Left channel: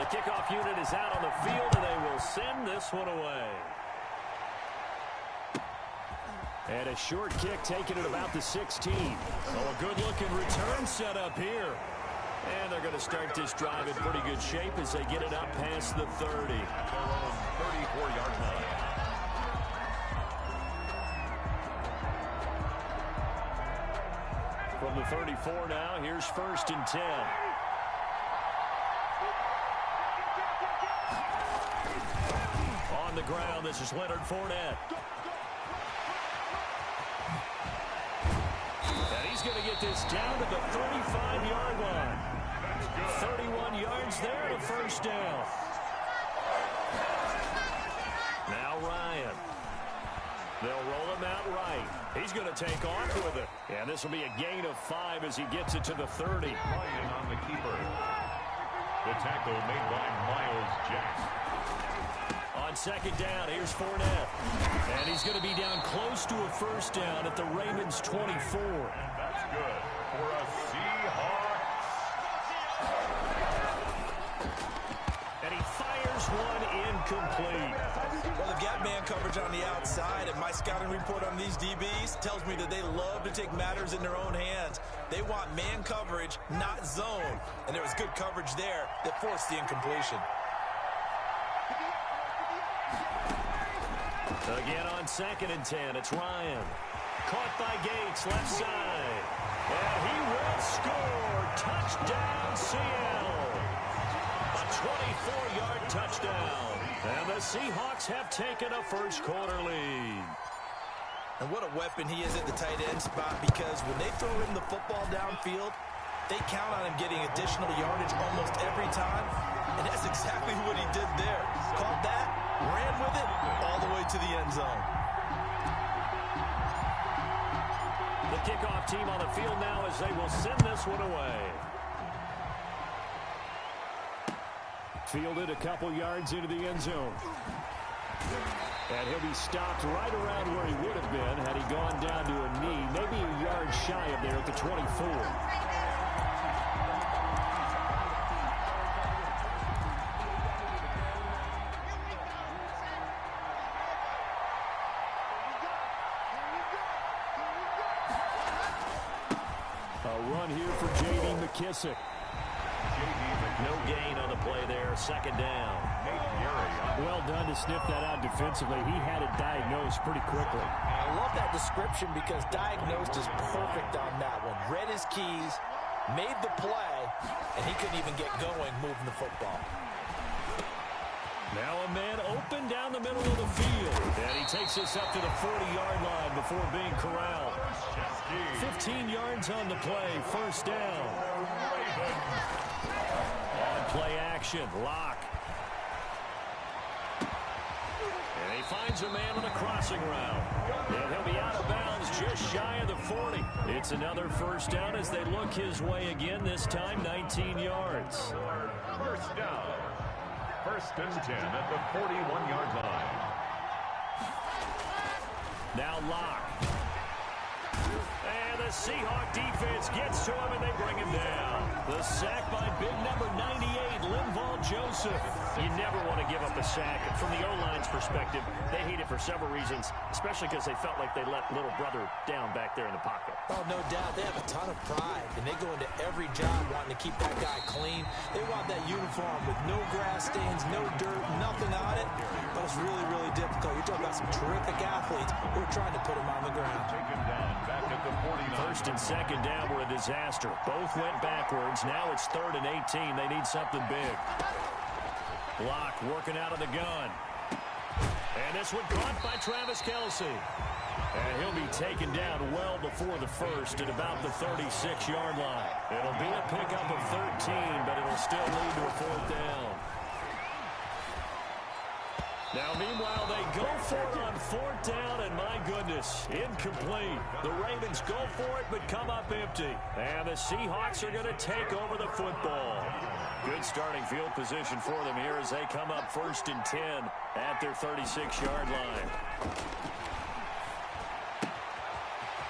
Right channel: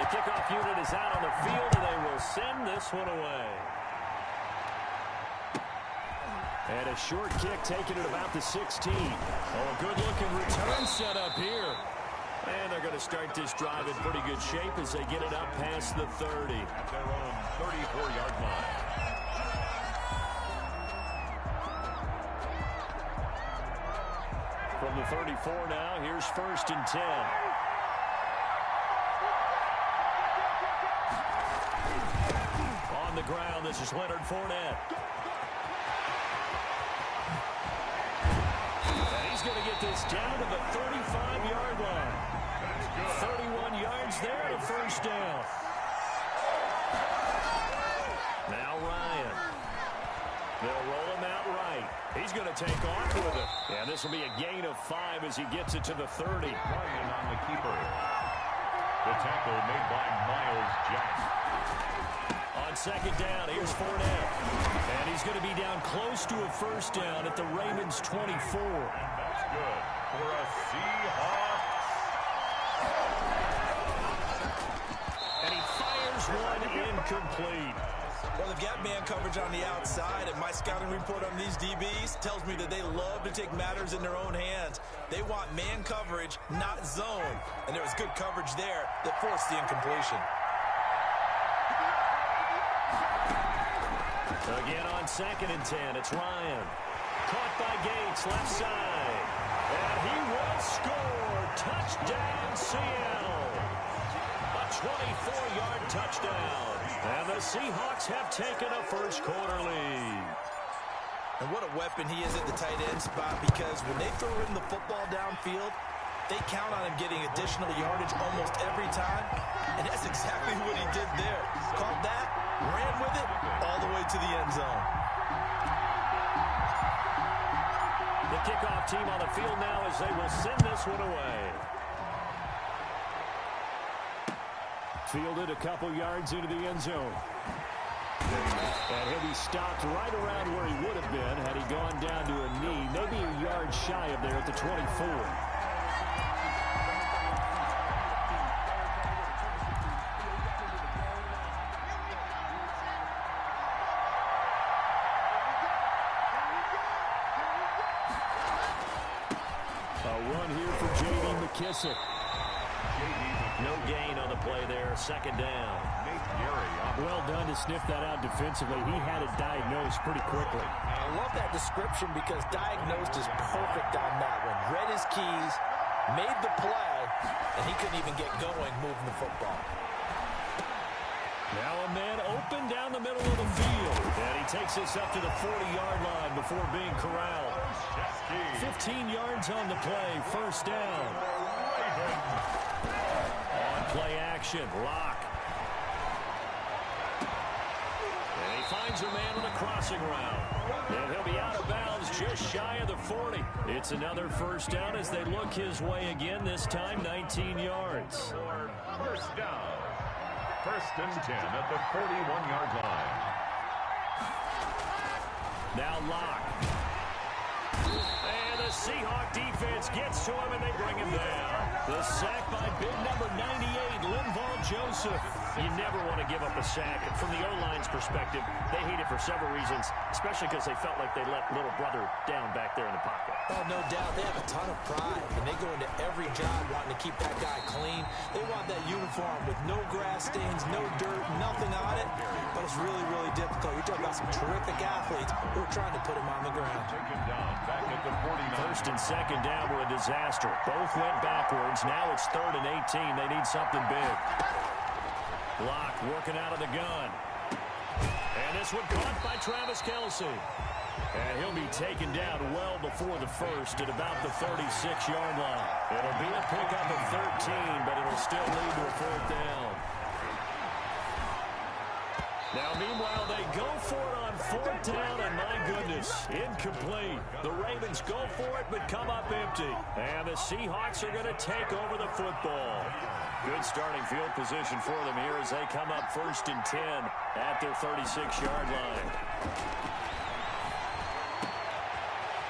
The kickoff unit is out on the field, and they will send this one away. And a short kick taken at about the 16. Oh, a good-looking return set up here. And they're going to start this drive in pretty good shape as they get it up past the 30. At their own 34-yard line. From the 34 now, here's 1st and 10. On the ground, this is Leonard Fournette. And he's going to get this down to the 35-yard line. 31 yards there to 1st down. Now Ryan. They'll roll him out right. He's going to take off with it. And this will be a gain of 5 as he gets it to the 30. Ryan on the keeper. The tackle made by Miles Jack. On 2nd down, here's Fournette. And he's going to be down close to a 1st down at the Ravens' 24. And that's good for a Seahawks. And he fires one incomplete. Well, they've got man coverage on the outside, and my scouting report on these DBs tells me that they love to take matters in their own hands. They want man coverage, not zone. And there was good coverage there that forced the incompletion. Again on 2nd and 10, it's Ryan. Caught by Gates, left side. And he will score. Touchdown, Seattle. A 24-yard touchdown. And the Seahawks have taken a first-quarter lead. And what a weapon he is at the tight end spot, because when they throw him the football downfield, they count on him getting additional yardage almost every time. And that's exactly what he did there. Caught that, ran with it, all the way to the end zone. The kickoff team on the field now as they will send this one away. Fielded a couple yards into the end zone. And he'll be stopped right around where he would have been had he gone down to a knee, maybe a yard shy of there at the 24. A run here for J.D. McKissick. No gain on the play there. 2nd down. Well done to sniff that out defensively. He had it diagnosed pretty quickly. I love that description because diagnosed is perfect on that one. Read his keys, made the play, and he couldn't even get going moving the football. Now a man open down the middle of the field. And he takes this up to the 40-yard line before being corralled. 15 yards on the play. 1st down. On play action. Lock. And he finds a man on a crossing route. And he'll be out of bounds just shy of the 40. It's another 1st down as they look his way again, this time 19 yards. 1st down. 1st and 10 at the 41-yard line. Now Lock. And the Seahawk defense gets to him, and they bring him down. The sack by big number 98, Linval Joseph. You never want to give up a sack. From the O-line's perspective, they hate it for several reasons, especially because they felt like they let little brother down back there in the pocket. Oh, no doubt. They have a ton of pride, and they go into every job wanting to keep that guy clean. They want that uniform with no grass stains, no dirt, nothing on it. But it's really, really difficult. You're talking about some terrific athletes who are trying to put him on the ground. Taken down back at the 49. 1st and 2nd down were a disaster. Both went backwards. Now it's 3rd and 18. They need something big. Block working out of the gun. And this one caught by Travis Kelce. And he'll be taken down well before the 1st at about the 36-yard line. It'll be a pickup of 13, but it'll still lead to a 4th down. Now, meanwhile, they go for it on 4th down, and my goodness, incomplete. The Ravens go for it, but come up empty. And the Seahawks are going to take over the football. Good starting field position for them here as they come up 1st and 10 at their 36-yard line.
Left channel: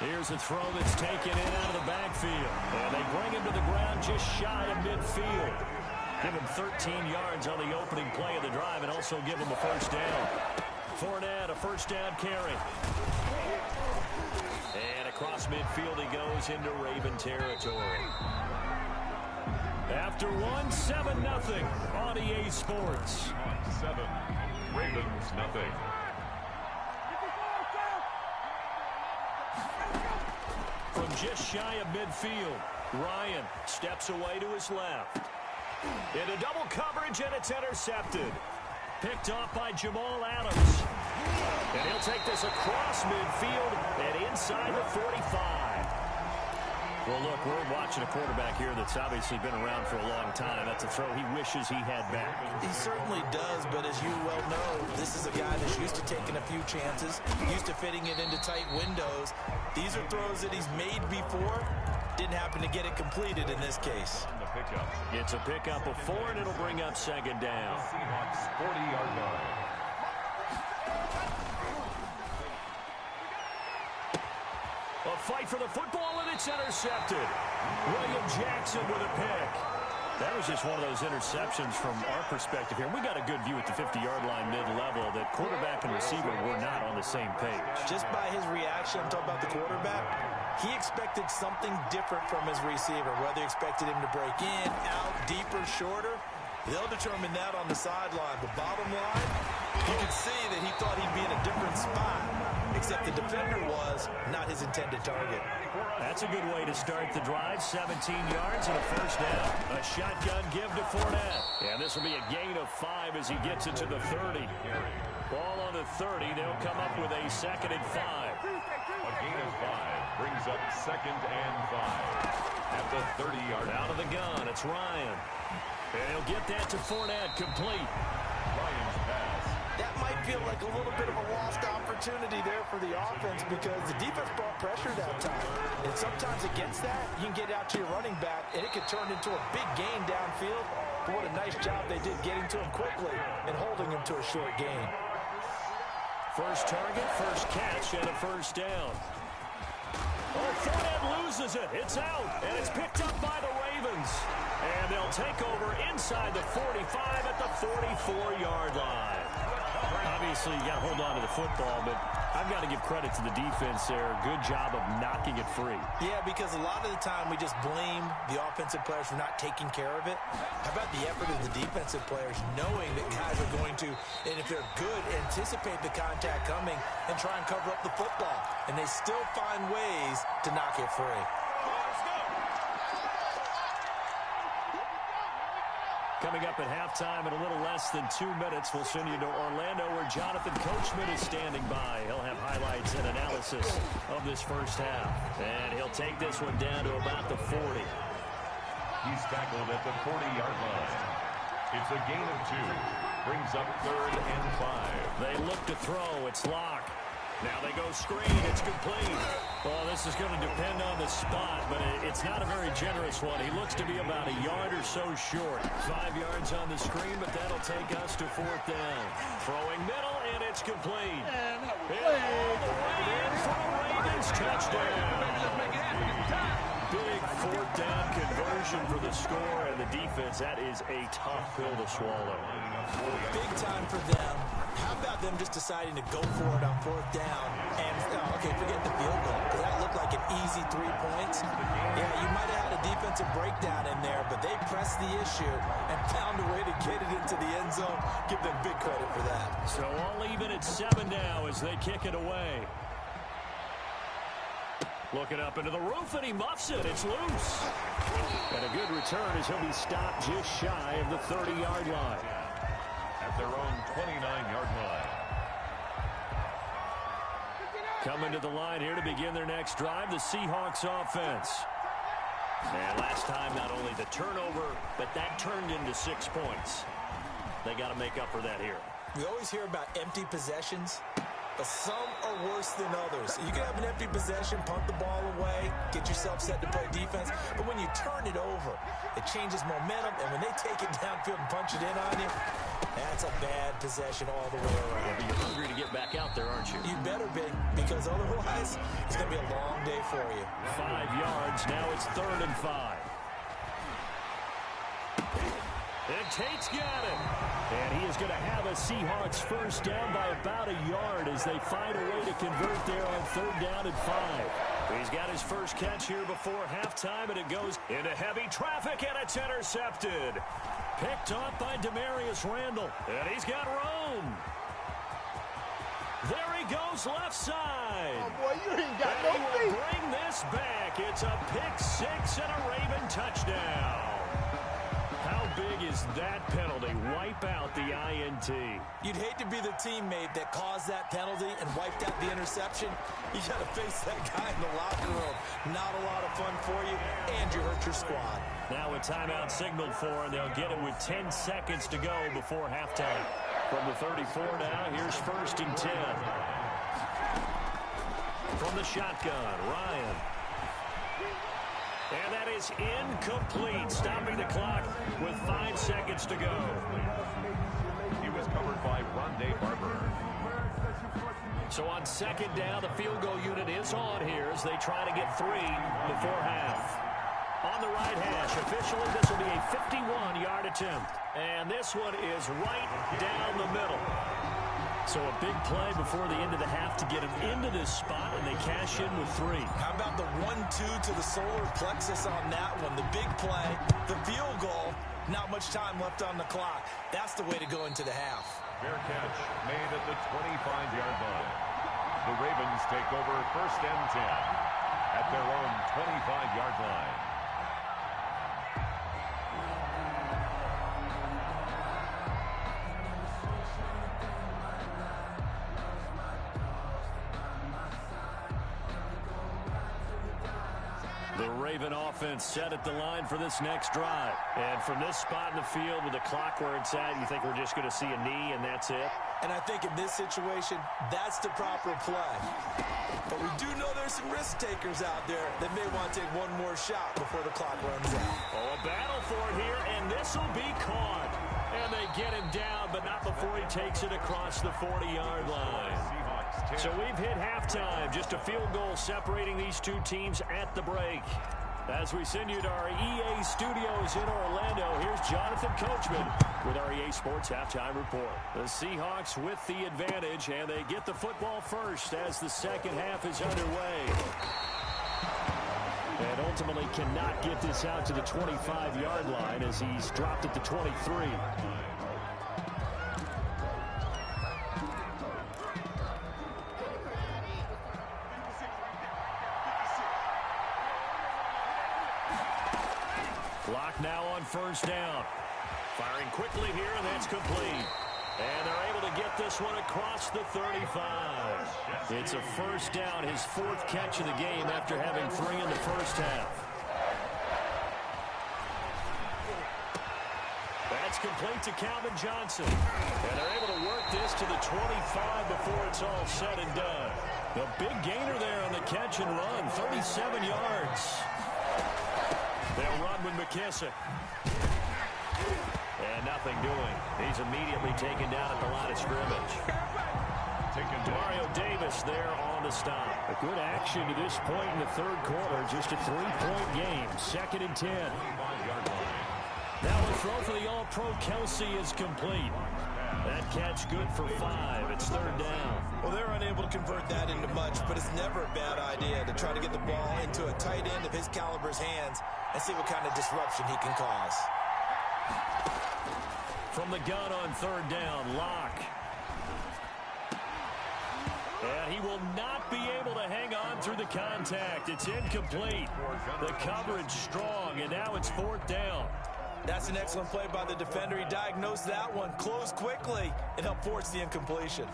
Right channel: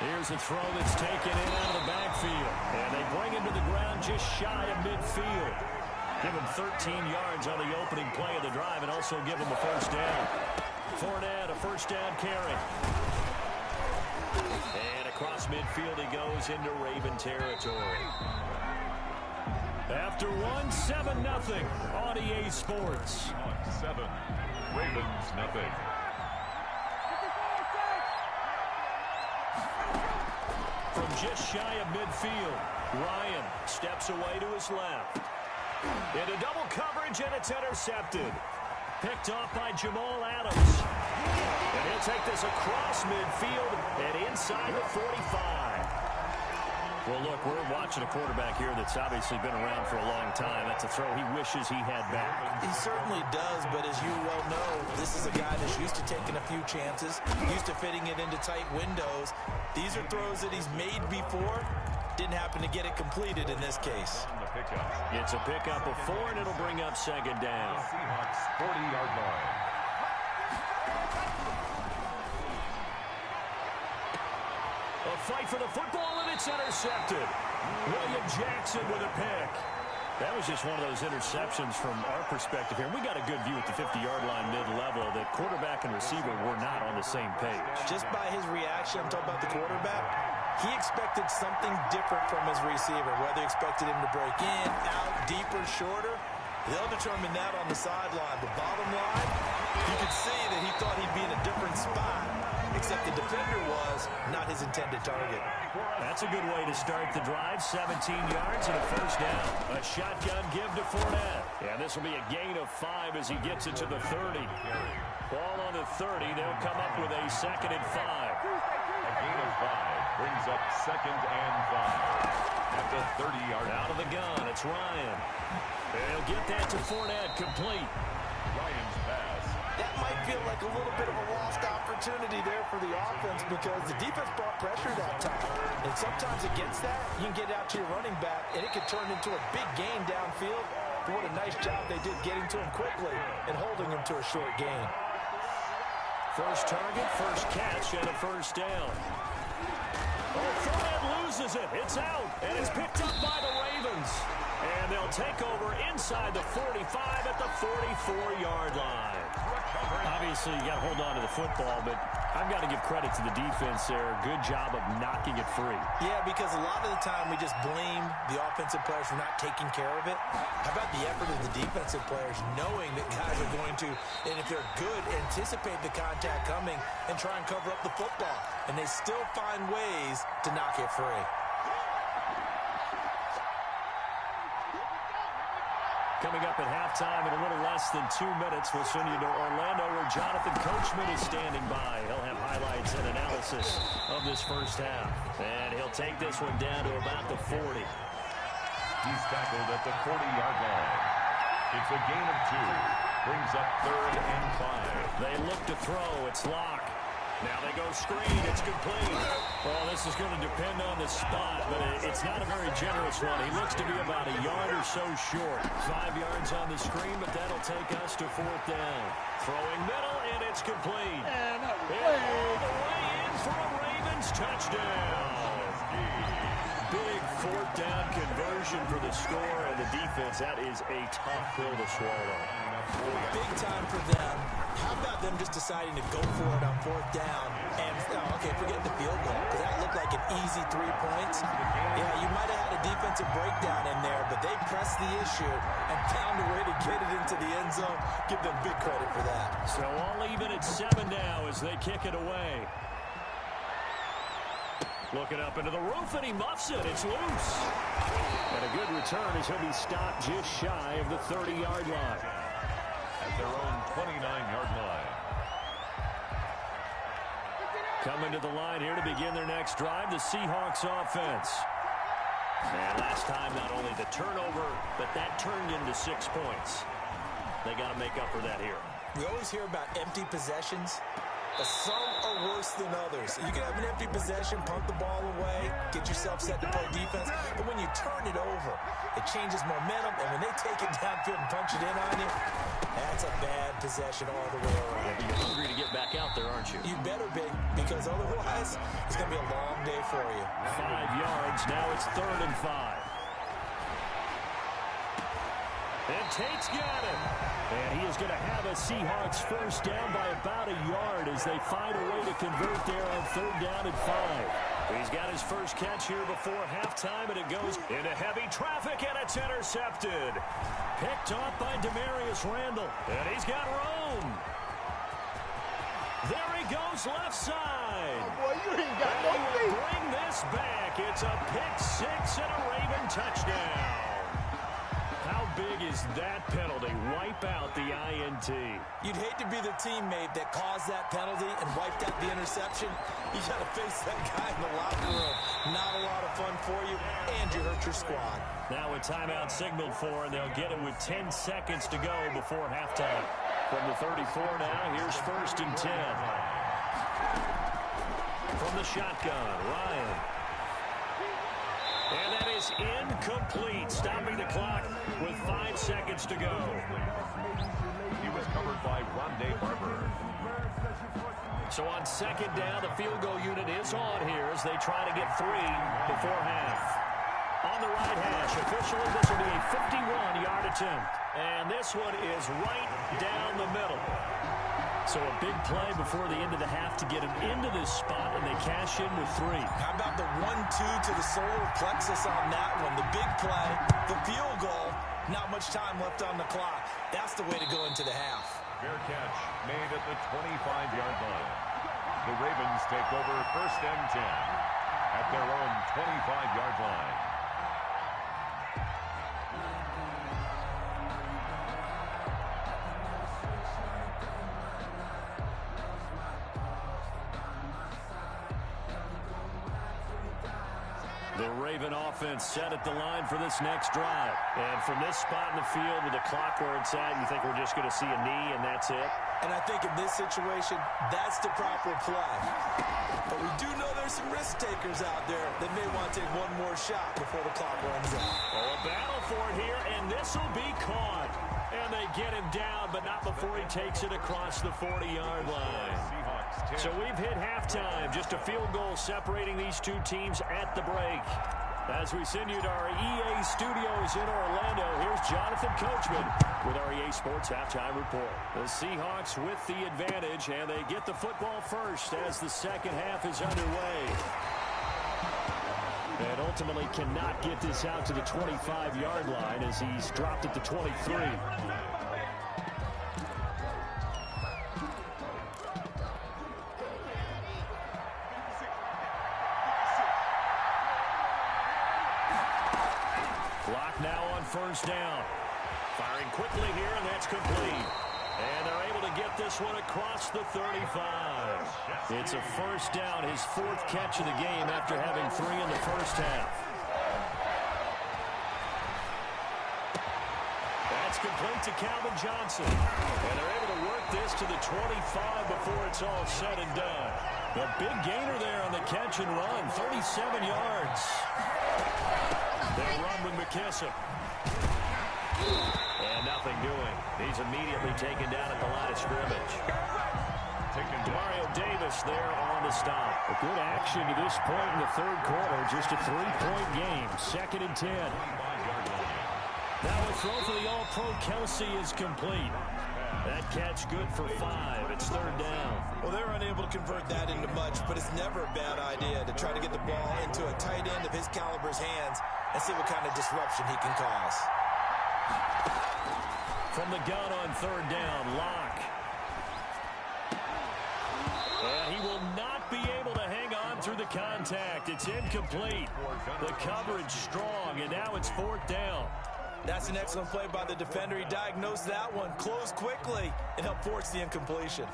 Here's a throw that's taken in out of the backfield. And they bring him to the ground just shy of midfield. Give him 13 yards on the opening play of the drive and also give him a first down. Fournette, a first down carry. And across midfield he goes into Raven territory. After 7-0 on EA Sports. 7, Ravens nothing. From just shy of midfield, Ryan steps away to his left. Into double coverage, and it's intercepted. Picked off by Jamal Adams. And he'll take this across midfield and inside the 45. Well, look, we're watching a quarterback here that's obviously been around for a long time. That's a throw he wishes he had back. He certainly does, but as you well know, this is a guy that's used to taking a few chances, used to fitting it into tight windows. These are throws that he's made before. Didn't happen to get it completed in this case. It's a pickup of 4, and it'll bring up second down. Seahawks 40-yard line. A fight for the football, and it's intercepted. William Jackson with a pick. That was just one of those interceptions from our perspective here. We got a good view at the 50-yard line mid-level that quarterback and receiver were not on the same page. Just by his reaction, I'm talking about the quarterback, he expected something different from his receiver, whether he expected him to break in, out, deeper, shorter. They'll determine that on the sideline. But bottom line, you can see that he thought he'd be in a different spot, except the defender was not his intended target. That's a good way to start the drive. 17 yards and a first down. A shotgun give to Fournette. And this will be a gain of 5 as he gets it to the 30. Ball on the 30. They'll come up with a 2nd and 5. A gain of 5 brings up 2nd and 5. At the 30-yard line. Out of the gun, it's Ryan. And he'll get that to Fournette, complete. Ryan's pass. That might feel like a little bit of a lost opportunity there for the offense because the defense brought pressure that time. And sometimes against that, you can get out to your running back, and it could turn into a big gain downfield. But what a nice job they did getting to him quickly and holding him to a short gain. First target, first catch, and a first down. Oh, Fournette loses it. It's out, and it's picked up by the Ravens. And they'll take over inside the 45 at the 44-yard line. Obviously, you got to hold on to the football, but I've got to give credit to the defense there. Good job of knocking it free. Yeah, because a lot of the time we just blame the offensive players for not taking care of it. How about the effort of the defensive players knowing that guys are going to, and if they're good, anticipate the contact coming and try and cover up the football. And they still find ways to knock it free. Coming up at halftime in a little less than 2 minutes, we'll send you to Orlando where Jonathan Coachman is standing by. He'll have highlights and analysis of this first half. And he'll take this one down to about the 40. He's tackled at the 40-yard line. It's a gain of 2. Brings up 3rd and 5. They look to throw. It's Locke. Now they go screen. It's complete. Well, this is going to depend on the spot, but it's not a very generous one. He looks to be about a yard or so short. 5 yards on the screen, but that'll take us to 4th down. Throwing middle, and it's complete. And all the way in for a Ravens touchdown. Big 4th down conversion for the score, and the defense, that is a tough pill to swallow. Big time for them. How about them just deciding to go for it on 4th down? And, okay, forget the field goal, because that looked like an easy 3 points. Yeah, you might have had a defensive breakdown in there, but they pressed the issue and found a way to get it into the end zone. Give them big credit for that. So all even at 7 now as they kick it away. Looking up into the roof, and he muffs it. It's loose. And a good return as he'll be stopped just shy of the 30-yard line. At their own 29-yard line. Coming to the line here to begin their next drive, the Seahawks offense. And last time, not only the turnover, but that turned into 6 points. They got to make up for that here. We always hear about empty possessions, but some are worse than others. You can have an empty possession, punt the ball away, get yourself set to play defense, but when you turn it over, it changes momentum, and when they take it downfield and punch it in on you, that's a bad possession all the way around. Yeah, but you're hungry to get back out there, aren't you? You better be, because otherwise, it's going to be a long day for you. 5 yards. Now it's 3rd and 5. And Tate's got it. And he is going to have a Seahawks first down by about a yard as they find a way to convert there on 3rd down and 5. He's got his first catch here before halftime, and it goes into heavy traffic, and it's intercepted. Picked off by Demarius Randall, and he's got room. There he goes left side. Oh, boy, you ain't got and no he feet. will bring this back. It's a pick 6 and a Raven touchdown. How big is that penalty? Wipe out the INT. You'd hate to be the teammate that caused that penalty and wiped out the interception. You got to face that guy in the locker room. Not a lot of fun for you, and you hurt your squad. Now a timeout signaled for, and they'll get it with 10 seconds to go before halftime. From the 34 now, here's 1st and 10. From the shotgun, Ryan. And that is incomplete, stopping the clock with 5 seconds to go. He was covered by Rondé Barber. So on 2nd down, the field goal unit is on here as they try to get 3 before half. On the right hash, officially this will be a 51-yard attempt. And this one is right down the middle. So a big play before the end of the half to get him into this spot, and they cash in with 3. How about the 1-2 to the solar plexus on that one? The big play, the field goal, not much time left on the clock. That's the way to go into the half. Fair catch made at the 25-yard line. The Ravens take over 1st and 10 at their own 25-yard line. The Raven offense set at the line for this next drive. And from this spot in the field with the clock where it's at, you think we're just going to see a knee and that's it? And I think in this situation, that's the proper play. But we do know there's some risk takers out there that may want to take one more shot before the clock runs out. Oh, a battle for it here, and this will be caught. And they get him down, but not before he takes it across the 40-yard line. So we've hit halftime. Just a field goal separating these two teams at the break. As we send you to our EA studios in Orlando, here's Jonathan Coachman with our EA Sports Halftime Report. The Seahawks with the advantage, and they get the football first as the second half is underway. And ultimately cannot get this out to the 25-yard line as he's dropped at the 23. Clock now on 1st down. Firing quickly here, and that's complete. And they're able to get this one across the 35. It's a 1st down, his 4th catch of the game after having 3 in the first half. That's complete to Calvin Johnson. And they're able to work this to the 25 before it's all said and done. The big gainer there on the catch and run, 37 yards. They'll run with McKissick. And nothing doing. He's immediately taken down at the line of scrimmage. Demario Davis there on the stop. A good action to this point in the 3rd quarter. Just a 3-point game. 2nd and 10. That one throw for the All-Pro Kelsey is complete. That catch good for 5. It's 3rd down. Well, they're unable to convert that into much, but it's never a bad idea to try to get the ball into a tight end of his caliber's hands and see what kind of disruption he can cause. From the gun on 3rd down, Locke. And he will not be able to hang on through the contact. It's incomplete. The coverage strong, and now it's 4th down. That's an excellent play by the defender. He diagnosed that one, closed quickly, and helped force the incompletion.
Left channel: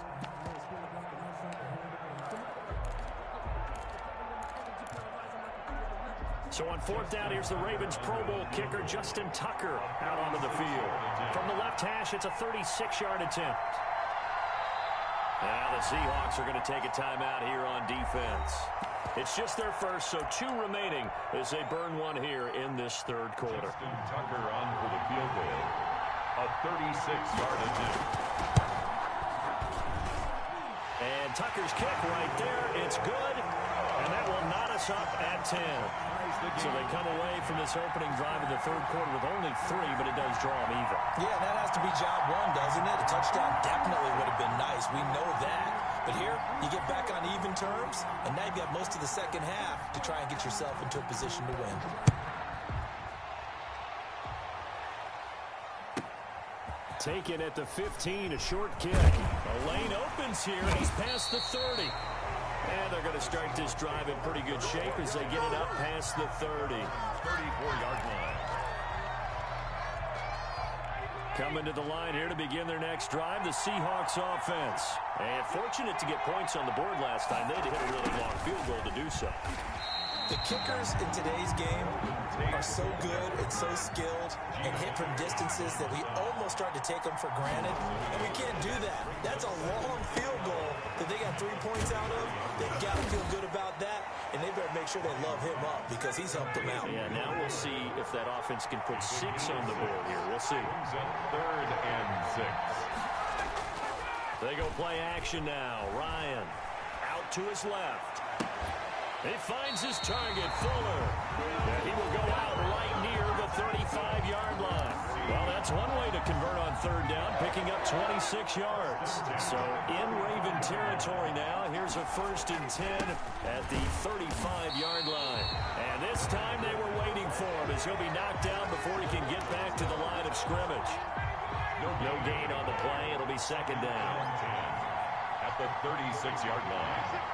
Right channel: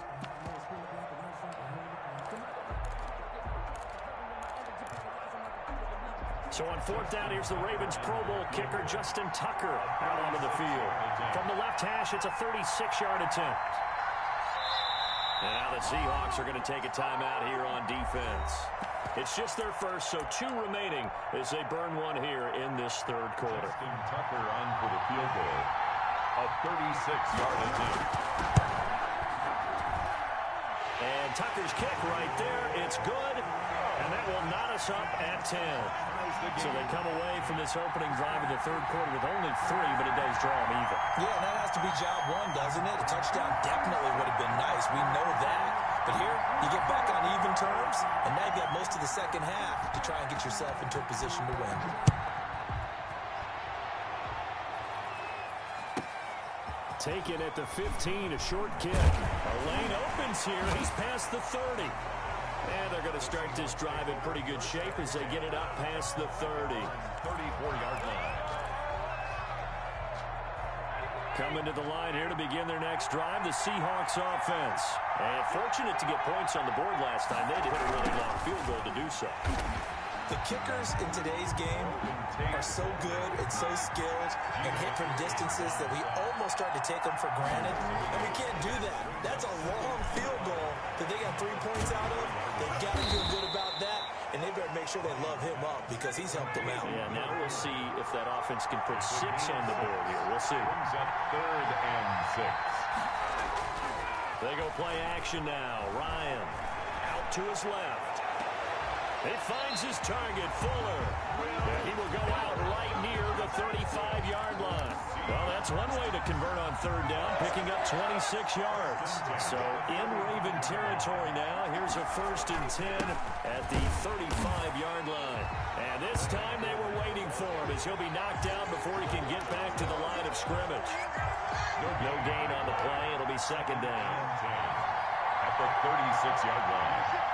So on 4th down, here's the Ravens Pro Bowl kicker, Justin Tucker, out onto the field. From the left hash, it's a 36-yard attempt. And now the Seahawks are going to take a timeout here on defense. It's just their first, so 2 remaining as they burn one here in this 3rd quarter. Justin Tucker on for the field goal. A 36-yard attempt. And Tucker's kick right there. It's good. And that will knot us up at 10. So they come away from this opening drive in the third quarter with only 3, but it does draw them even. Yeah, and that has to be job one, doesn't it? A touchdown definitely would have been nice. We know that. But here, you get back on even terms, and now you've got most of the second half to try and get yourself into a position to win. Taken at the 15, a short kick. A lane opens here. He's past the 30. And they're going to start this drive in pretty good shape as they get it up past the 30. 34-yard line. Coming to the line here to begin their next drive, the Seahawks offense. And fortunate to get points on the board last time. They had to hit a really long field goal to do so. The kickers in today's game are so good and so skilled and hit from distances that we almost start to take them for granted, and we can't do that. That's a long field goal that they got 3 points out of. They've got to feel good about that, and they better make sure they love him up because he's helped them out. Yeah, now we'll see if that offense can put 6 on the board here. We'll see. Brings up 3rd and 6. They go play action now. Ryan out to his left. He finds his target, Fuller. And he will go out right near the 35-yard line. Well, that's one way to convert on third down, picking up 26 yards. So in Raven territory now, here's a 1st and 10 at the 35-yard line. And this time they were waiting for him as he'll be knocked down before he can get back to the line of scrimmage. No gain on the play. It'll be 2nd down. At the 36-yard line.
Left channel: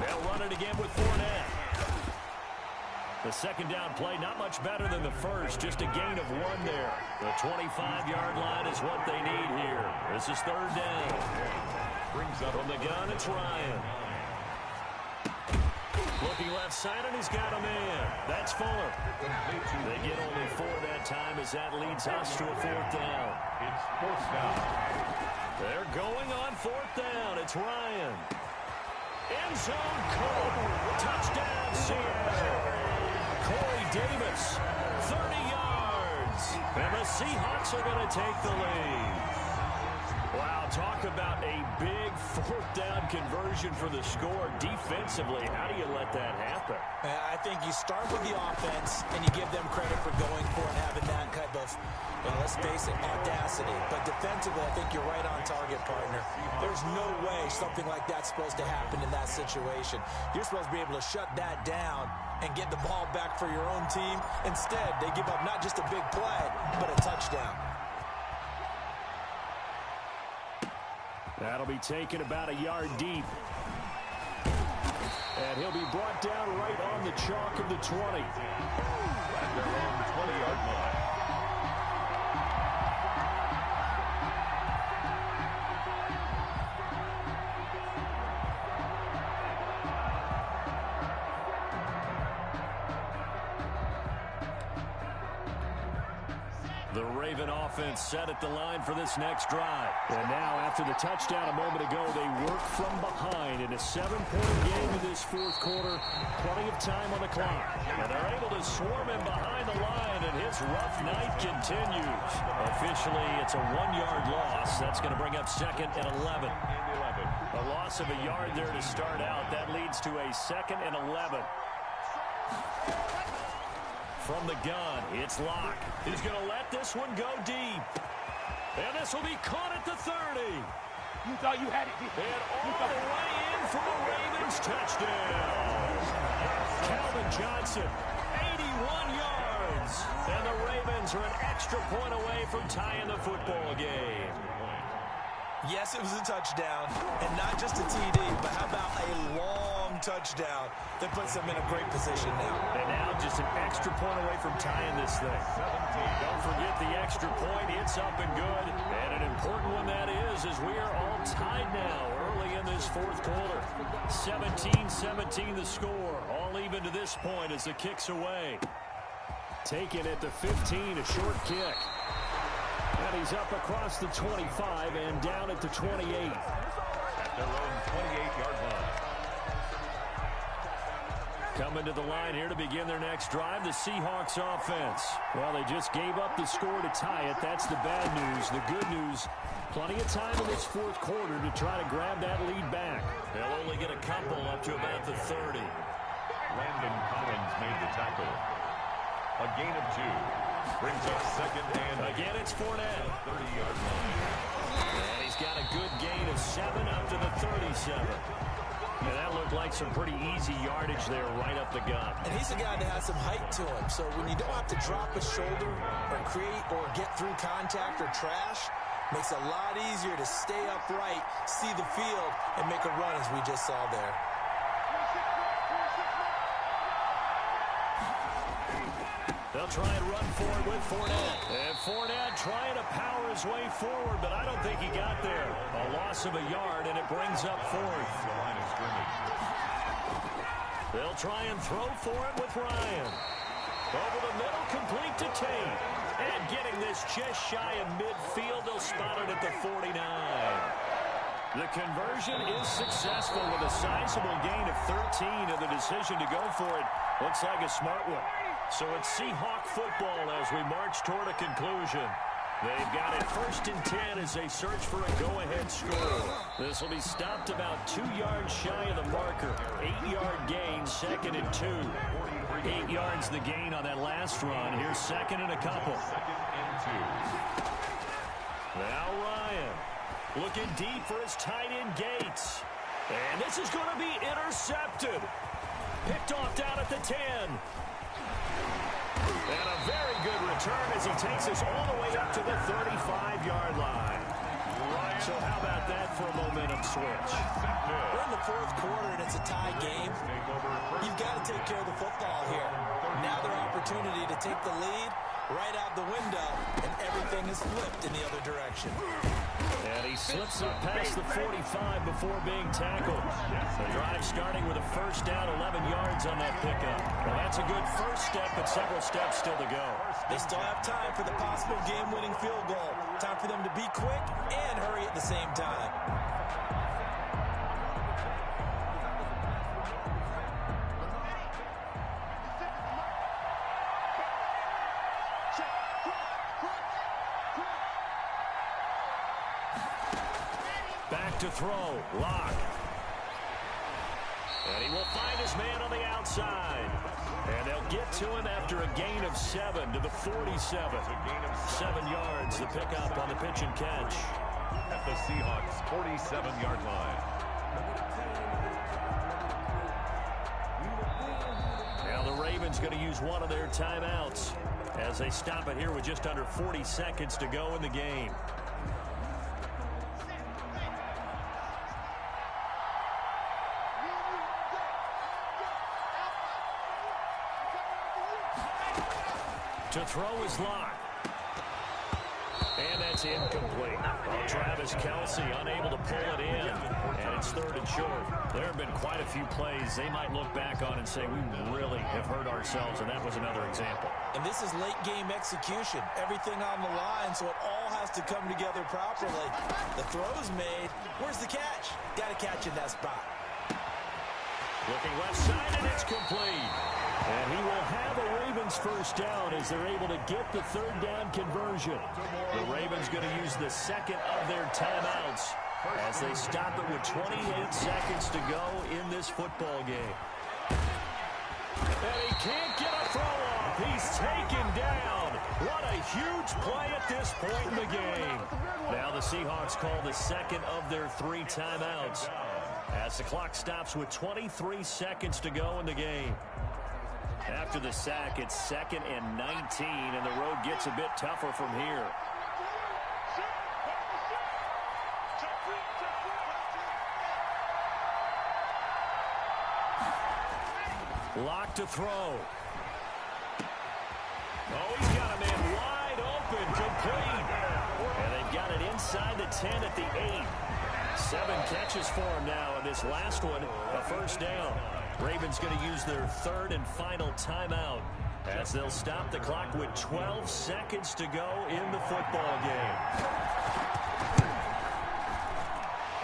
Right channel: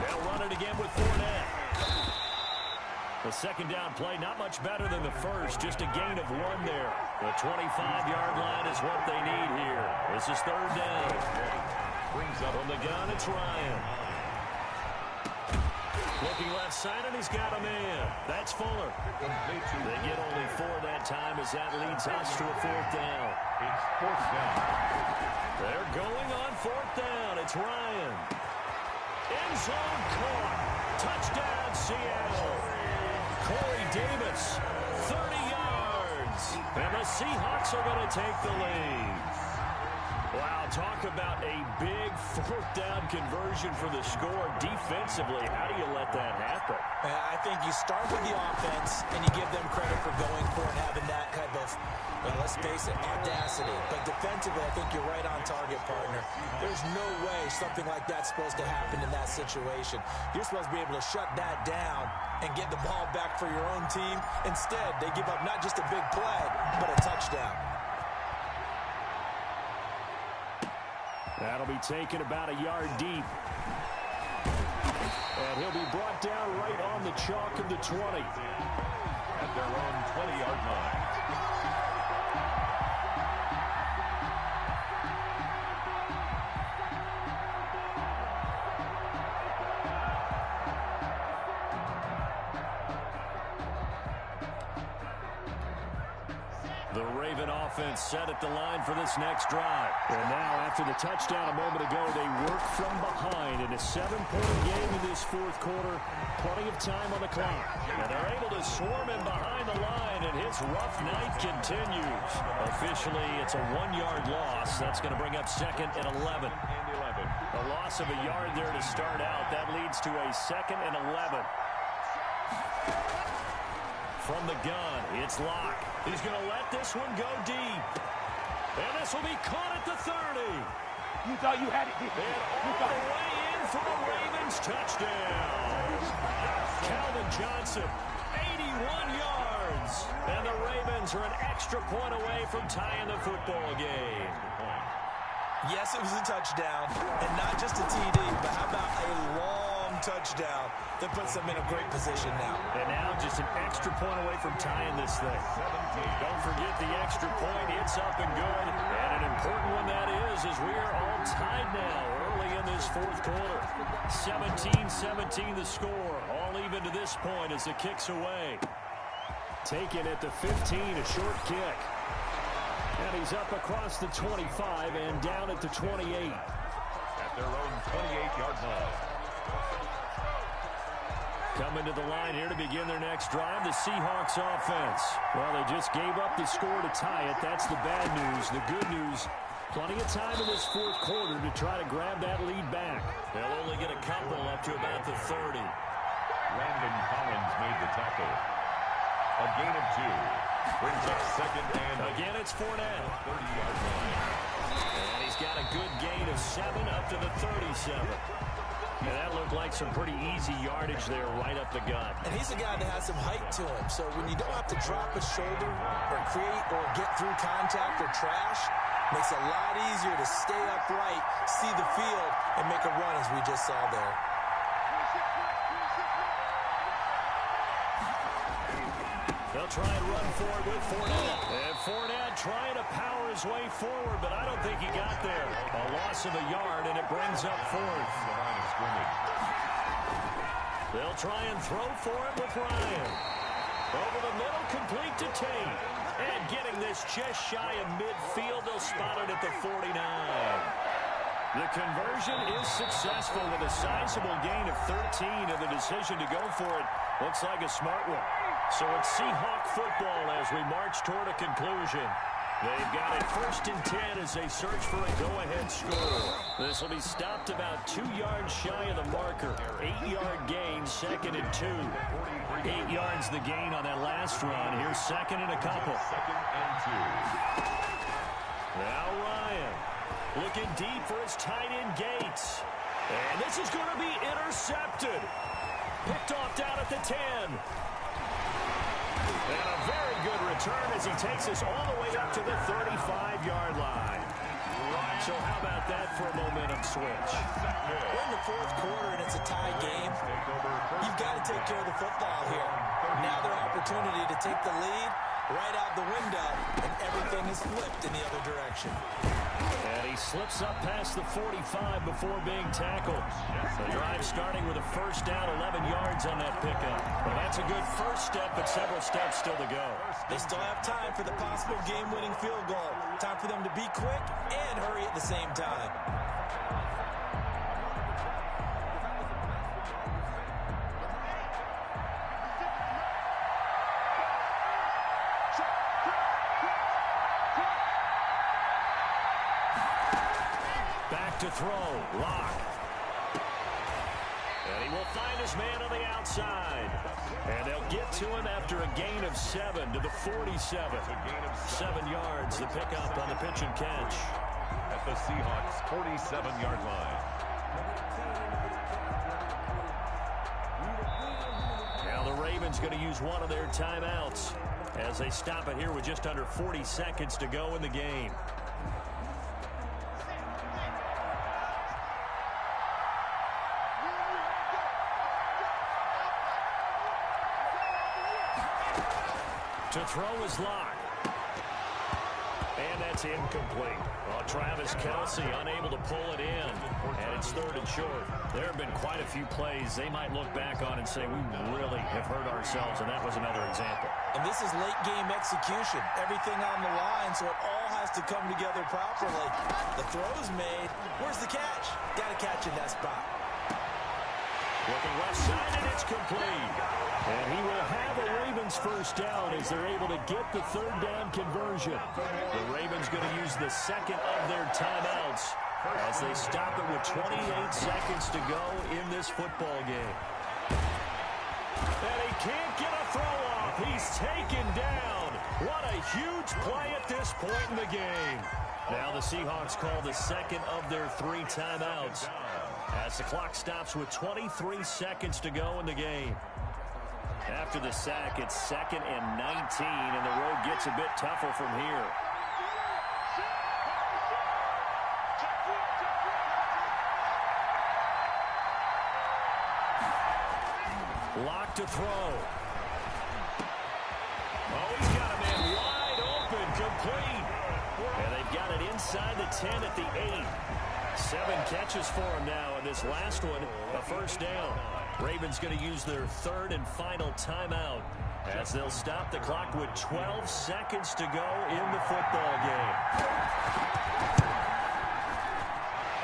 They'll run it again with Fournette. The 2nd down play, not much better than the first, just a gain of 1 there. The 25-yard line is what they need here. This is 3rd down. Brings up from the gun, it's Ryan. Looking left side, and he's got a man. That's Fuller. They get only 4 that time as that leads us to a 4th down. It's 4th down. They're going on 4th down. It's Ryan. End zone caught. Touchdown, Seattle. Corey Davis, 30 yards. And the Seahawks are going to take the lead. Wow, talk about a big 4th down conversion for the score. Defensively, how do you let that happen? I think you start with the offense and you give them credit for going for it and having that type of, let's face it, audacity. But defensively, I think you're right on target, partner. There's no way something like that's supposed to happen in that situation. You're supposed to be able to shut that down and get the ball back for your own team. Instead, they give up not just a big play, but a touchdown. That'll be taken about a yard deep. And he'll be brought down right on the chalk of the 20. At their own 20-yard line. The Raven offense set at the line for this next drive. And now, after the touchdown a moment ago, they work from behind in a 7-point game in this 4th quarter. Plenty of time on the clock. And they're able to swarm him behind the line, and his rough night continues. Officially, it's a 1-yard loss. That's going to bring up 2nd and 11. A loss of a yard there to start out. That leads to a 2nd and 11. From the gun, it's Locke. He's going to let this one go deep. And this will be caught at the 30. You thought you had it. And all the way in for a Ravens touchdown. Calvin Johnson, 81 yards. And the Ravens are an extra point away from tying the football game. Yes, it was a touchdown, and not just a TD, but how about a long touchdown that puts them in a great position now. And now just an extra point away from tying this thing. 17. Don't forget the extra point. It's up and good. And an important one that is, as we are all tied now early in this 4th quarter. 17-17 the score. All even to this point as the kick's away. Taken at the 15, a short kick. And he's up across the 25 and down at the 28. At their own 28-yard line. Coming to the line here to begin their next drive, the Seahawks offense. Well, they just gave up the score to tie it. That's the bad news. The good news, Plenty of time in this fourth quarter to try to grab that lead back. They'll only get a couple up to about the 30. Landon Collins made the tackle. A gain of 2. Brings up second and again, it's Fournette. 30-yard line. And he's got a good gain of 7 up to the 37. And that looked like some pretty easy yardage there right up the gut. And he's a guy that has some height to him. So when you don't have to drop a shoulder or create or get through contact or trash, makes it a lot easier to stay upright, see the field, and make a run as we just saw there. They'll try and run for it with Fournette. And Fournette trying to power his way forward, but I don't think he got there. A loss of a yard, and it brings up 4th. The line of scrimmage. They'll try and throw for it with Ryan. Over the middle, complete to Tate. And getting this just shy of midfield, they'll spot it at the 49. The conversion is successful with a sizable gain of 13, and the decision to go for it looks like a smart one. So it's Seahawk football as we march toward a conclusion. They've got it 1st and 10 as they search for a go-ahead score. This will be stopped about 2 yards shy of the marker. 8-yard gain, 2nd and 2. 8 yards the gain on that last run. Here's 2nd and a couple. 2nd and 2. Now Ryan looking deep for his tight end Gates. And this is going to be intercepted. Picked off down at the 10. And a very good return as he takes us all the way up to the 35-yard line. So how about that for a momentum switch? We're in the fourth quarter, and it's a tie game. You've got to take care of the football here. Now their opportunity to take the lead right out the window, and everything is flipped in the other direction. And he slips up past the 45 before being tackled. The drive starting with a 1st down, 11 yards on that pickup. Well, that's a good first step, but several steps still to go. They still have time for the possible game-winning field goal. Time for them to be quick and hurry at the same time. Back to throw. Lock. And he will find his man on the outside. And they'll get to him after a gain of 7 to the 47. 7 yards, the pickup on the pitch and catch. At the Seahawks' 47-yard line. Now the Ravens going to use one of their timeouts as they stop it here with just under 40 seconds to go in the game. To throw is Lock. And that's incomplete. Well, Travis Kelce unable to pull it in. And it's 3rd and short. There have been quite a few plays they might look back on and say, we really have hurt ourselves, and that was another example. And this is late game execution. Everything on the line, so it all has to come together properly. The throw's made. Where's the catch? Got to catch in that spot. Looking left side, and it's complete. And he will have a Ravens 1st down as they're able to get the 3rd down conversion. The Ravens going to use the 2nd of their timeouts as they stop it with 28 seconds to go in this football game. And he can't get a throw off. He's taken down. What a huge play at this point in the game. Now the Seahawks call the 2nd of their 3 timeouts as the clock stops with 23 seconds to go in the game. After the sack, it's 2nd and 19, and the road gets a bit tougher from here. Lock to throw. Oh, he's got a man wide open, complete. And they've got it inside the 10 at the 8. 7 catches for him now, and this last one, a 1st down. Ravens going to use their 3rd and final timeout as they'll stop the clock with 12 seconds to go in the football game.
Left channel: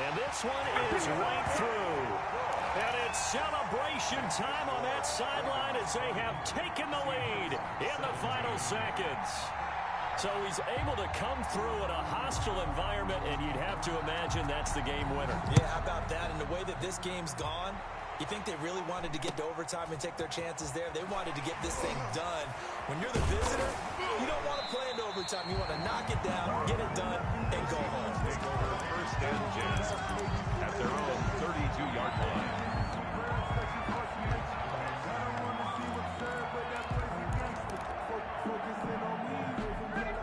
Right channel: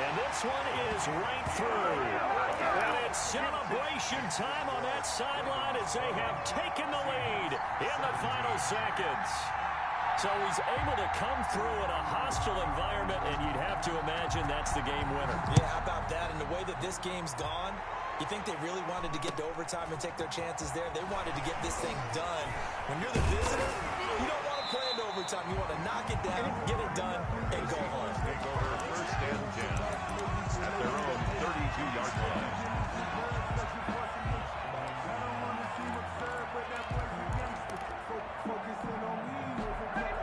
And this one is right through. And it's celebration time on that sideline as they have taken the lead in the final seconds. So he's able to come through in a hostile environment, and you'd have to imagine that's the game winner. Yeah, how about that? And the way that this game's gone, you think they really wanted to get to overtime and take their chances there? They wanted to get this thing done. When you're the visitor, you don't want to play into overtime. You want to knock it down, get it done, and go home. Take over first and 10 at their own 32-yard line.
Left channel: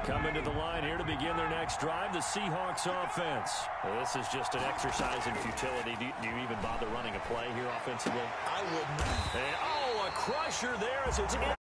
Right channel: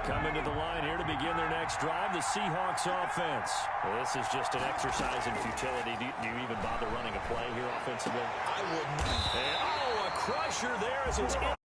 Coming to the line here to begin their next drive, the Seahawks offense. Well, this is just an exercise in futility. Do you even bother running a play here offensively? I wouldn't. And, a crusher there as it's in.